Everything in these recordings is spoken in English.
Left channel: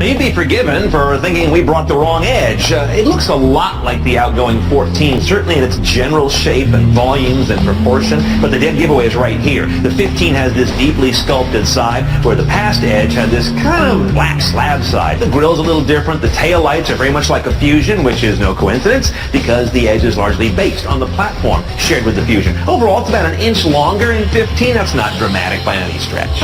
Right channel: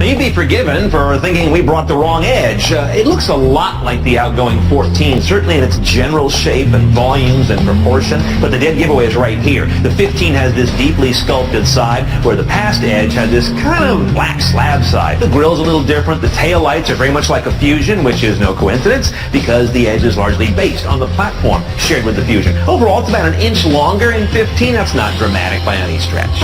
Now, you'd be forgiven for thinking we brought the wrong Edge. It looks a lot like the outgoing 14, certainly in its general shape and volumes and proportion, but the dead giveaway is right here. The 15 has this deeply sculpted side, where the past Edge had this kind of black slab side. The grill's a little different. The tail lights are very much like a Fusion, which is no coincidence, because the Edge is largely based on the platform shared with the Fusion. Overall, it's about an inch longer in 15. That's not dramatic by any stretch.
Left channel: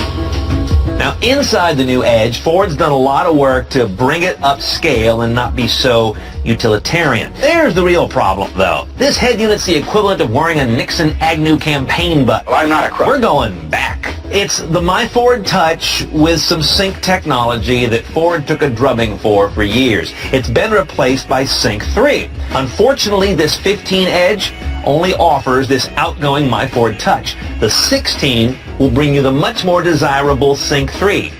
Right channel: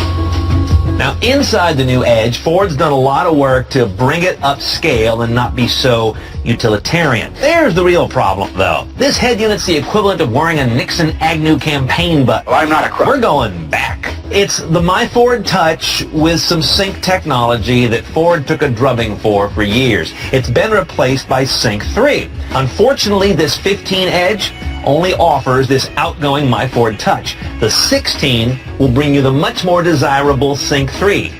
Now, inside the new Edge, Ford's done a lot of work to bring it upscale and not be so utilitarian. There's the real problem, though. This head unit's the equivalent of wearing a Nixon-Agnew campaign button. Well, I'm not a crook. We're going back. It's the My Ford Touch with some Sync technology that Ford took a drubbing for years. It's been replaced by Sync 3. Unfortunately, this 15 Edge only offers this outgoing My Ford Touch. The 16 will bring you the much more desirable Sync 3.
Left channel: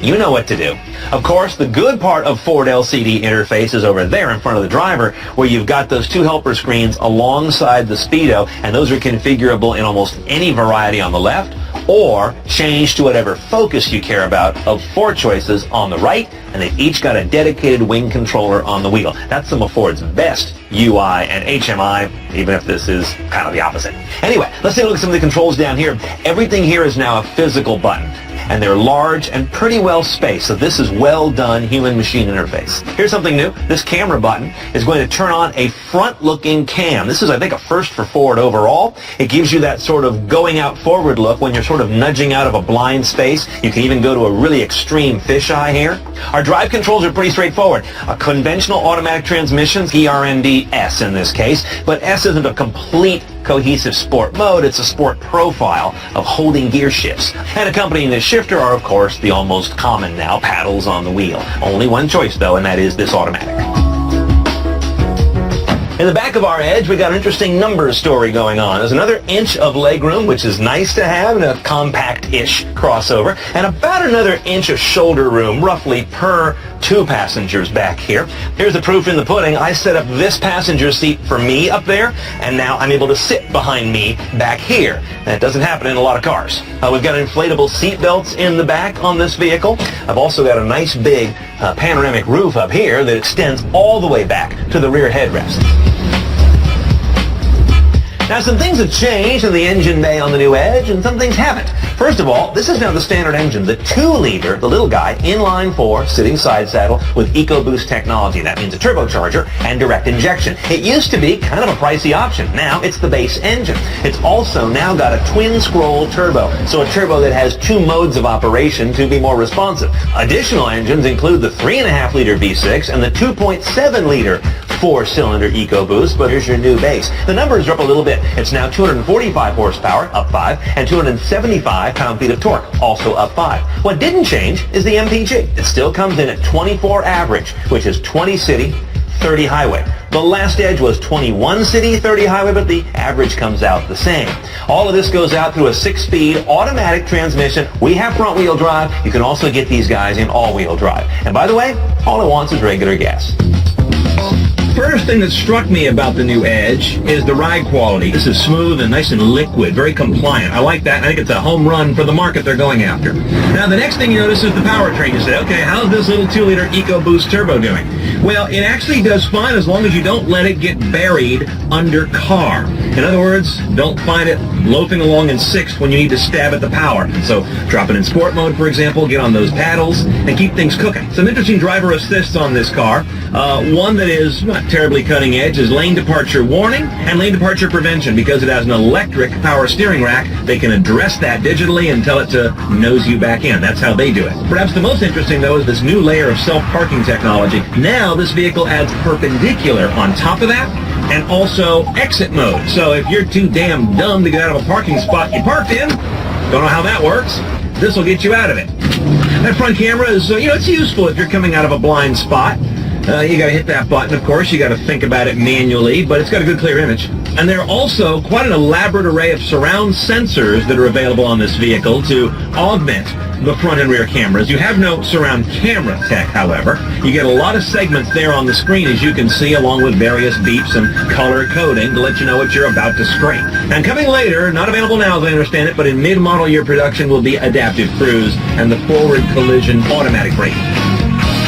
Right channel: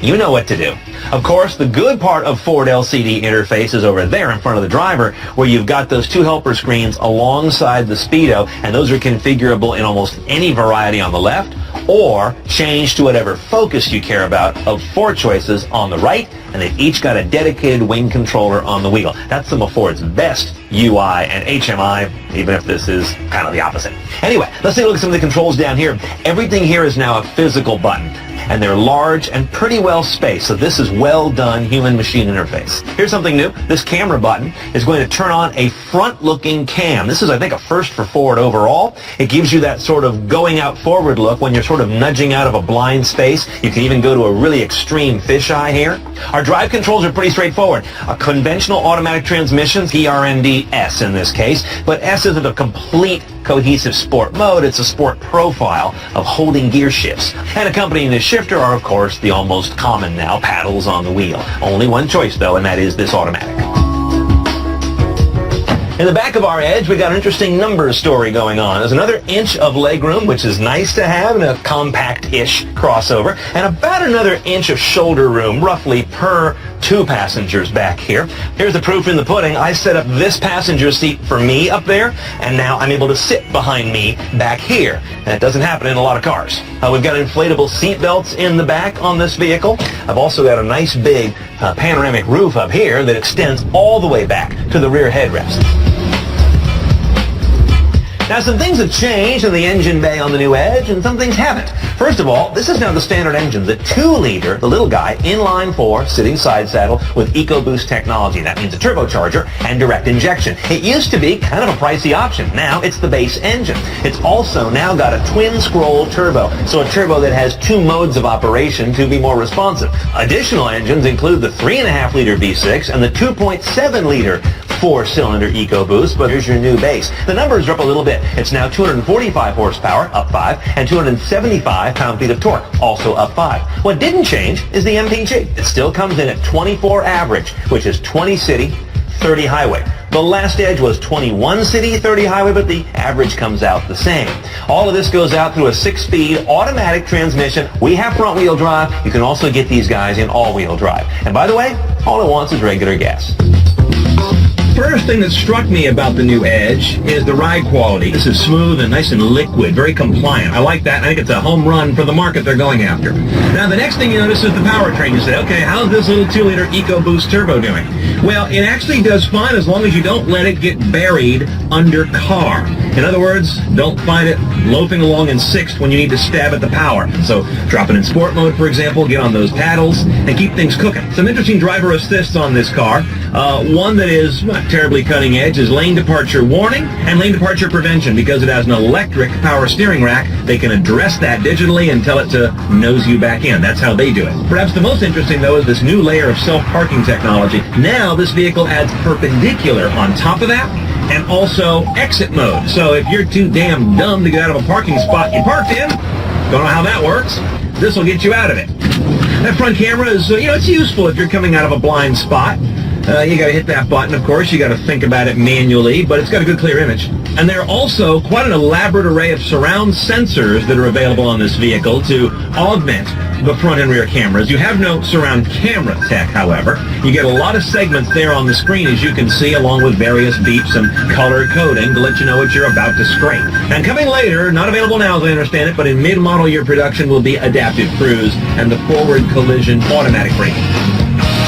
You know what to do. Of course, the good part of Ford LCD interface is over there in front of the driver, where you've got those two helper screens alongside the Speedo, and those are configurable in almost any variety on the left, or change to whatever focus you care about of 4 choices on the right, and they've each got a dedicated wing controller on the wheel. That's some of Ford's best UI and HMI, even if this is kind of the opposite. Anyway, let's take a look at some of the controls down here. Everything here is now a physical button, and they're large and pretty well spaced, so this is well done human-machine interface. Here's something new. This camera button is going to turn on a front-looking cam. This is, I think, a first for Ford overall. It gives you that sort of going out forward look when you're sort of nudging out of a blind space. You can even go to a really extreme fisheye here. Our drive controls are pretty straightforward. A conventional automatic transmission, ERND-S in this case, but S isn't a complete cohesive sport mode. It's a sport profile of holding gear shifts. And accompanying this shifter are, of course, the almost common now paddles on the wheel. Only one choice, though, and that is this automatic. In the back of our Edge, we got an interesting numbers story going on. There's another inch of legroom, which is nice to have in a compact-ish crossover, and about another inch of shoulder room, roughly per 2 passengers back here. Here's the proof in the pudding. I set up this passenger seat for me up there, and now I'm able to sit behind me back here. That doesn't happen in a lot of cars. We've got inflatable seat belts in the back on this vehicle. I've also got a nice big panoramic roof up here that extends all the way back to the rear headrest. Now, some things have changed in the engine bay on the new Edge, and some things haven't. First of all, this is now the standard engine, the 2-liter, the little guy, inline 4, sitting side saddle with EcoBoost technology. That means a turbocharger and direct injection. It used to be kind of a pricey option. Now it's the base engine. It's also now got a twin-scroll turbo, so a turbo that has 2 modes of operation to be more responsive. Additional engines include the 3.5-liter V6 and the 2.7-liter 4-cylinder EcoBoost, but here's your new base. The numbers are up a little bit. It's now 245 horsepower, up 5, and 275 pound-feet of torque, also up 5. What didn't change is the MPG. It still comes in at 24 average, which is 20 city, 30 highway. The last Edge was 21 city, 30 highway, but the average comes out the same. All of this goes out through a 6-speed automatic transmission. We have front-wheel drive. You can also get these guys in all-wheel drive. And by the way, all it wants is regular gas. First thing that struck me about the new Edge is the ride quality. This is smooth and nice and liquid, very compliant. I like that. I think it's a home run for the market they're going after. Now, the next thing you notice is the powertrain. You say, okay, how's this little 2-liter EcoBoost turbo doing? Well, it actually does fine as long as you don't let it get buried under car. In other words, don't find it loafing along in 6th when you need to stab at the power. So drop it in sport mode, for example, get on those paddles, and keep things cooking. Some interesting driver assists on this car. One that is not terribly cutting edge is lane departure warning and lane departure prevention. Because it has an electric power steering rack, they can address that digitally and tell it to nose you back in. That's how they do it. Perhaps the most interesting, though, is this new layer of self-parking technology. Now this vehicle adds perpendicular on top of that, and also exit mode. So if you're too damn dumb to get out of a parking spot you parked in, don't know how that works, this will get you out of it. That front camera is, it's useful if you're coming out of a blind spot. You got to hit that button, of course. You got to think about it manually, but it's got a good clear image. And there are also quite an elaborate array of surround sensors that are available on this vehicle to augment the front and rear cameras. You have no surround camera tech, however. You get a lot of segments there on the screen, as you can see, along with various beeps and color coding to let you know what you're about to scrape. And coming later, not available now as I understand it, but in mid-model year production will be adaptive cruise and the forward collision automatic braking.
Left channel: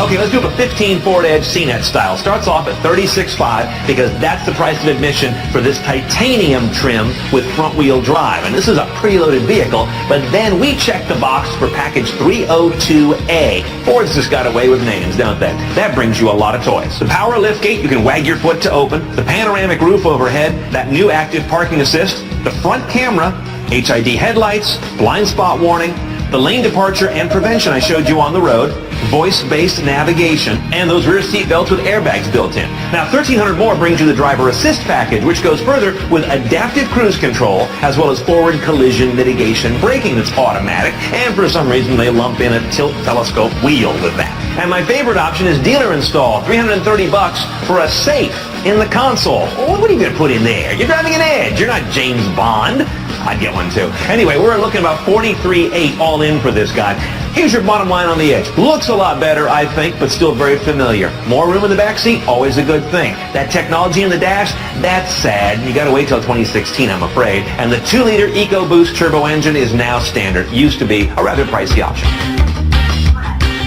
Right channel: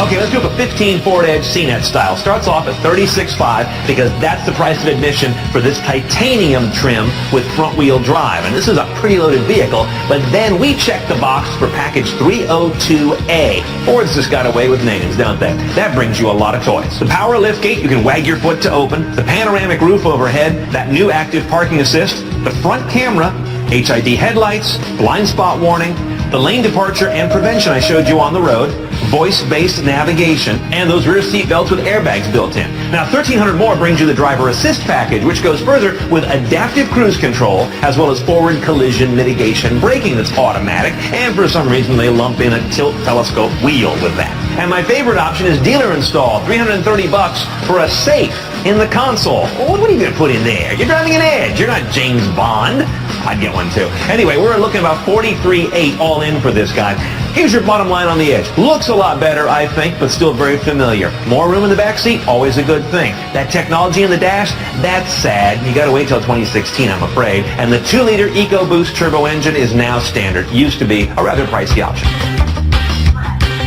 Okay, let's do up a 15 Ford Edge CNET style. Starts off at $36,500 because that's the price of admission for this titanium trim with front-wheel drive. And this is a preloaded vehicle, but then we check the box for package 302A. Ford's just got away with names, don't they? That brings you a lot of toys. The power liftgate, you can wag your foot to open. The panoramic roof overhead, that new active parking assist, the front camera, HID headlights, blind spot warning, the lane departure and prevention I showed you on the road, voice-based navigation, and those rear seat belts with airbags built in. Now, $1,300 more brings you the driver assist package, which goes further with adaptive cruise control, as well as forward collision mitigation braking that's automatic, and for some reason they lump in a tilt telescope wheel with that. And my favorite option is dealer install, $330 for a safe in the console. What are you going to put in there? You're driving an Edge. You're not James Bond. I'd get one too. Anyway, we're looking about $43,800 all in for this guy. Here's your bottom line on the Edge. Looks a lot better, I think, but still very familiar. More room in the back seat, always a good thing. That technology in the dash, that's sad. You got to wait till 2016, I'm afraid. And the 2-liter EcoBoost turbo engine is now standard. Used to be a rather pricey option.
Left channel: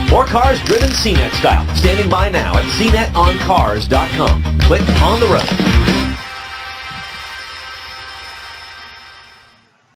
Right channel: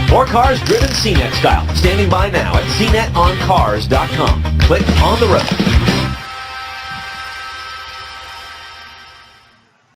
More cars driven CNET style. Standing by now at cnetoncars.com. Click on the road.